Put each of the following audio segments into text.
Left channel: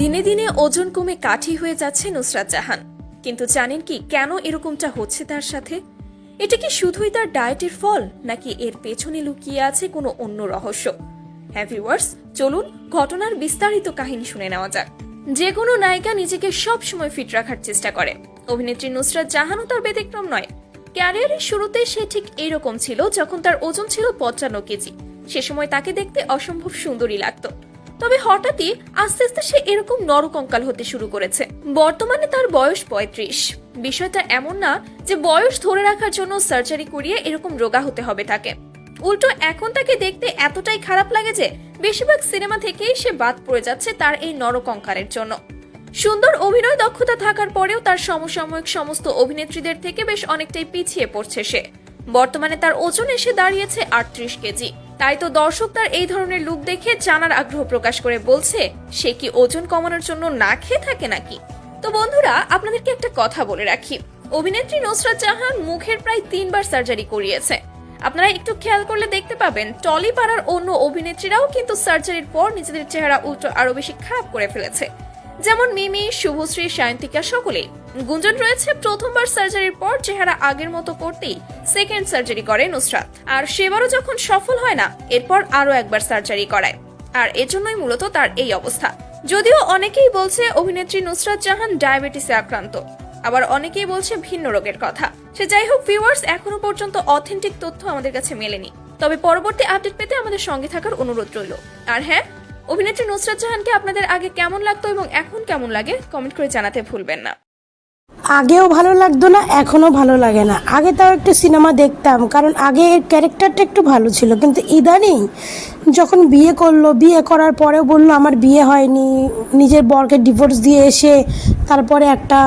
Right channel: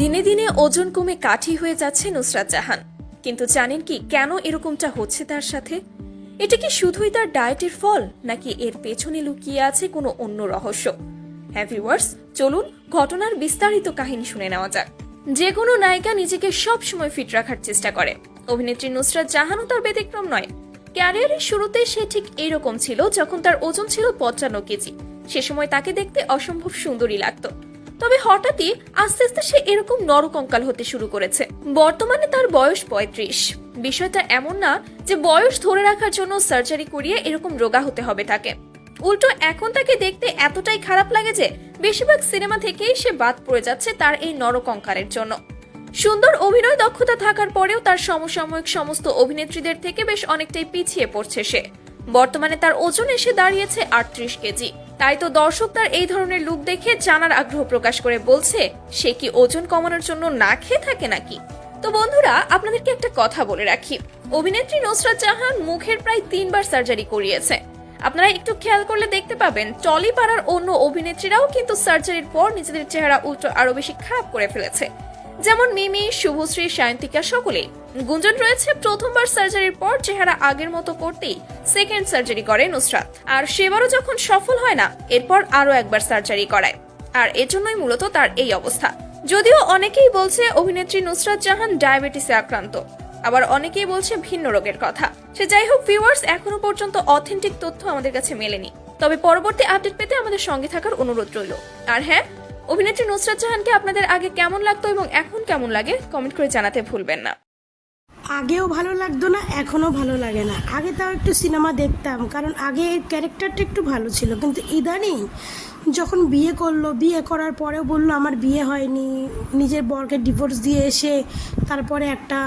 দিনে দিনে ওজন কমে কাঠি হয়ে যাচ্ছে নুসরাত জাহান। কিন্তু জানেন কি কেন এরকমটা হচ্ছে তার সাথে? এটা কি শুধুই তার ডায়েটের ফল, নাকি এর পেছনে লুকিয়ে আছে কোনো অন্য রহস্য? হ্যাঁ ভিউয়ার্স, চলুন ঘটনার বিস্তারিত কাহিনী শুনে নেওয়া যাক। যে কোনো নায়িকা নিজেকে সব সময় ফিট রাখার চেষ্টা করে। অভিনেত্রী নুসরাত জাহানও তার ব্যতিক্রম নয়। ক্যারিয়ারের শুরুতে সে ঠিক এরকম ছিল, যখন তার ওজন ছিল 55 কেজি। সে সময় তাকে দেখতে অসম্ভব সুন্দরী লাগতো। তবে হঠাৎই আস্তে আস্তে সে এরকম নরকঙ্কাল হতে শুরু করেছে। বর্তমানে তার বয়স 35। বিষয়টা এমন না যে বয়স ধরে রাখার জন্য সার্জারি করিয়ে এরকম রোগা হতে হবে তাকে। উল্টো এখন তাকে দেখতে এতটাই খারাপ লাগে যে বেশিরভাগ সিনেমা থেকেই সে বাদ পড়ে যাচ্ছে তার এই নরকঙ্কালের জন্য। সুন্দর অভিনয় দক্ষতা থাকার পরেও তার সমসাময়িক সমস্ত অভিনেত্রীদের থেকে বেশ অনেকটাই পিছিয়ে পড়ছে সে। বর্তমানে তার ওজন এসে দাঁড়িয়েছে 38 কেজি। তাই তো দর্শক তার এই ধরনের লুক দেখে জানার আগ্রহ প্রকাশ করে বলছে, সে কি ওজন কমানোর জন্য না খেয়ে থাকে নাকি? তো বন্ধুরা, আপনাদেরকে একটা কথা বলে রাখি, অভিনেত্রী নুসরাত জাহান মুখের প্রায় 3 বার সার্জারি করিয়েছে। আপনারা একটু খেয়াল করলে দেখতে পাবেন টলি পাড়ার অন্য অভিনেত্রীরাও কিন্তু সার্জারির পর নিজেদের চেহারা উল্টো আরো বেশি খারাপ করে ফেলেছে। যেমন মিমি, শুভশ্রী, সায়ন্তিকা সকলেই। গুঞ্জন রয়েছে প্রথমবার সার্জারির পর চেহারা আগের মতো করতেই সেকেন্ড সার্জারি করে নুসরাত। আর সেবারও যখন সফল হয় না, এরপর আরো একবার সার্জারি করায়। আর এজন্যই মূলত তার এই অবস্থা। যদিও অনেকেই বলছে অভিনেত্রী নুসরাত জাহান ডায়াবেটিসে আক্রান্ত, আবার অনেকেই বলছে ভিন্ন রোগের কথা। সে যাই হোক ভিউয়ার্স, এখনো পর্যন্ত অথেন্টিক তথ্য আমাদের কাছে মেলেনি। তবে পরবর্তী আপডেট পেতে আমাদের সঙ্গে থাকার অনুরোধ রইল। আর হ্যাঁ, অভিনেত্রী নুসরাত জাহানকে আপনাদের আগে কেমন লাগতো এবং এখন কেমন লাগে কমেন্ট করে জানাতে ভুলবেন না। আগেও ভালো লাগতো না, এখনও ভালো লাগে না। আগে তাও একটু সিনেমা দেখতাম, কারণ আগে এর ক্যারেক্টারটা একটু ভালো ছিল। কিন্তু ইদানিং যখন বিয়ে করলো, বিয়ে করার পরেও বললো আমার বিয়ে হয়নি, নিজের বরকে ডিভোর্স দিয়ে এসে তারপরে একটা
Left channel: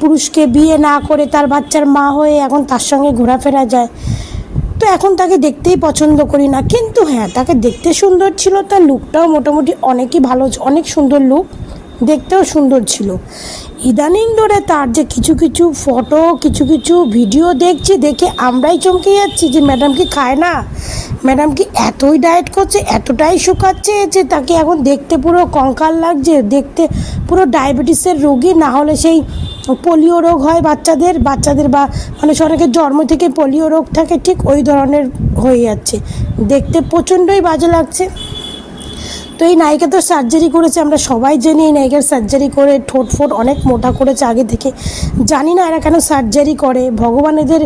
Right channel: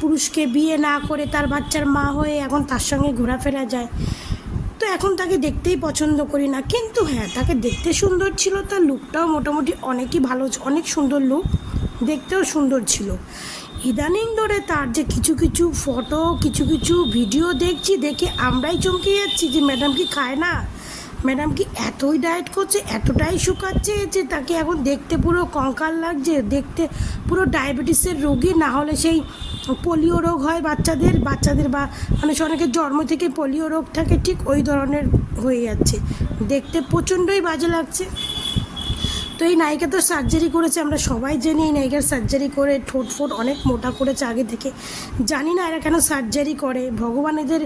পুরুষকে বিয়ে না করে তার বাচ্চার মা হয়ে এখন তার সঙ্গে ঘোরাফেরা যায়। তো এখন তাকে দেখতেই পছন্দ করি না। কিন্তু হ্যাঁ, তাকে দেখতে সুন্দর ছিল, তার লুকটাও মোটামুটি অনেকই ভালো, অনেক সুন্দর লুক, দেখতেও সুন্দর ছিল। ইদানিং ধরে তার যে কিছু কিছু ফটো, কিছু কিছু ভিডিও দেখছি, দেখে আমরাই চমকে যাচ্ছি যে ম্যাডাম কি খায় না, ম্যাডাম কি এতই ডায়েট করছে, এতটাই শুকাচ্ছে যে তাকে এখন দেখতে পুরো কঙ্কাল লাগছে, দেখতে পুরো ডায়াবেটিসের রোগী। না হলে সেই পোলিও রোগ হয় বাচ্চাদের বা মানে অনেকের জন্ম থেকে পোলিও রোগ থাকে, ঠিক ওই ধরনের হয়ে যাচ্ছে। দেখতে প্রচণ্ডই বাজে লাগছে। তো এই নায়িকা তো সার্জারি করেছে, আমরা সবাই জানি এই নায়িকার সার্জারি করে ঠোঁট ফোট অনেক মোটা করেছে আগে থেকে। জানি না এরা কেন সার্জারি করে। ভগবান এদের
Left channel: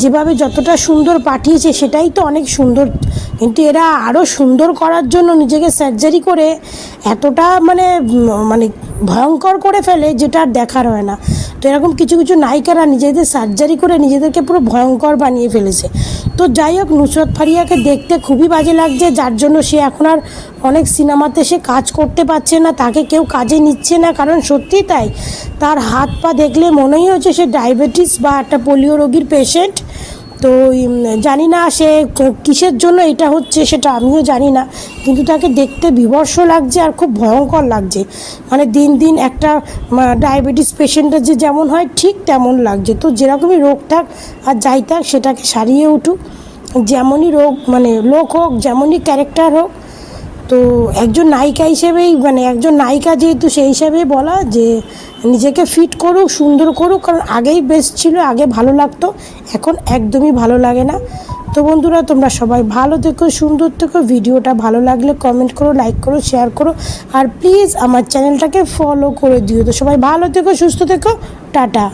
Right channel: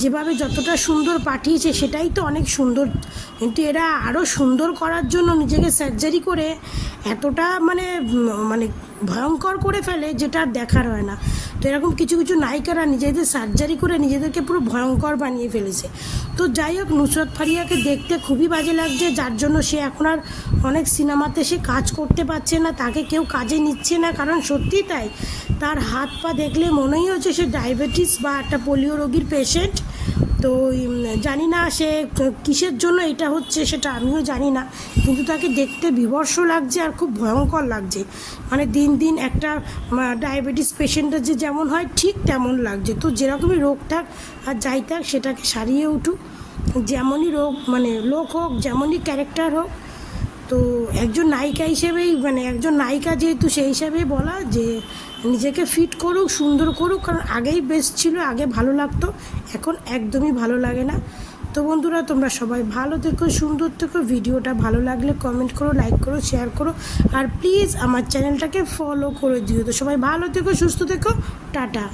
যেভাবে যতটা সুন্দর পাঠিয়েছে সেটাই তো অনেক সুন্দর, কিন্তু এরা আরও সুন্দর করার জন্য নিজেকে সার্জারি করে এতটা মানে ভয়ঙ্কর করে ফেলে যেটা আর দেখার হয় না। তো এরকম কিছু কিছু নায়িকারা নিজেদের সার্জারি করে নিজেদেরকে পুরো ভয়ঙ্কর বানিয়ে ফেলেছে। তো যাই হোক, নুসরাত ফারিয়াকে দেখতে খুবই বাজে লাগছে, যার জন্য সে এখন আর অনেক সিনেমাতে সে কাজ করতে পারছে না, তাকে কেউ কাজে নিচ্ছে না। কারণ সত্যিই তাই, তার হাত পা দেখলে মনেই হচ্ছে সে ডায়াবেটিস বা একটা পোলিও রোগীর পেশেন্ট। তো জানি না সে কিসের জন্য এটা হচ্ছে, সেটা আমিও জানি না, কিন্তু তাকে দেখতে বিভৎস লাগছে আর খুব ভয়ঙ্কর লাগছে। মানে দিন দিন একটা ডায়াবেটিস পেশেন্টের যে যেমন হয় ঠিক তেমন লাগছে। তো যেরকমই রোগ থাক আর যাই থাক, সেটাকে সারিয়ে উঠুক, যেমনই রোগ মানে লোক হোক, যেমনই ক্যারেক্টার হোক। তো একজন নায়িকা হিসেবেই একজন নায়িকা যেহেতু, সেই হিসাবেই বলা যে নিজেকে ফিট করুক, সুন্দর করুক। কারণ আগেই বেস্ট ছিল, আগে ভালো লাগতো, এখন একদমই ভালো লাগে না। তো বন্ধুরা, তোমরা সবাই ভালো থেকো, সুন্দর থেকো। ভিডিওটা ভালো লাগলে কমেন্ট করো, লাইক করো, শেয়ার করো, আর প্লিজ আমার চ্যানেলটাকে ফলো করে দিও। তো সবাই ভালো থেকো, সুস্থ থেকো, টাটা।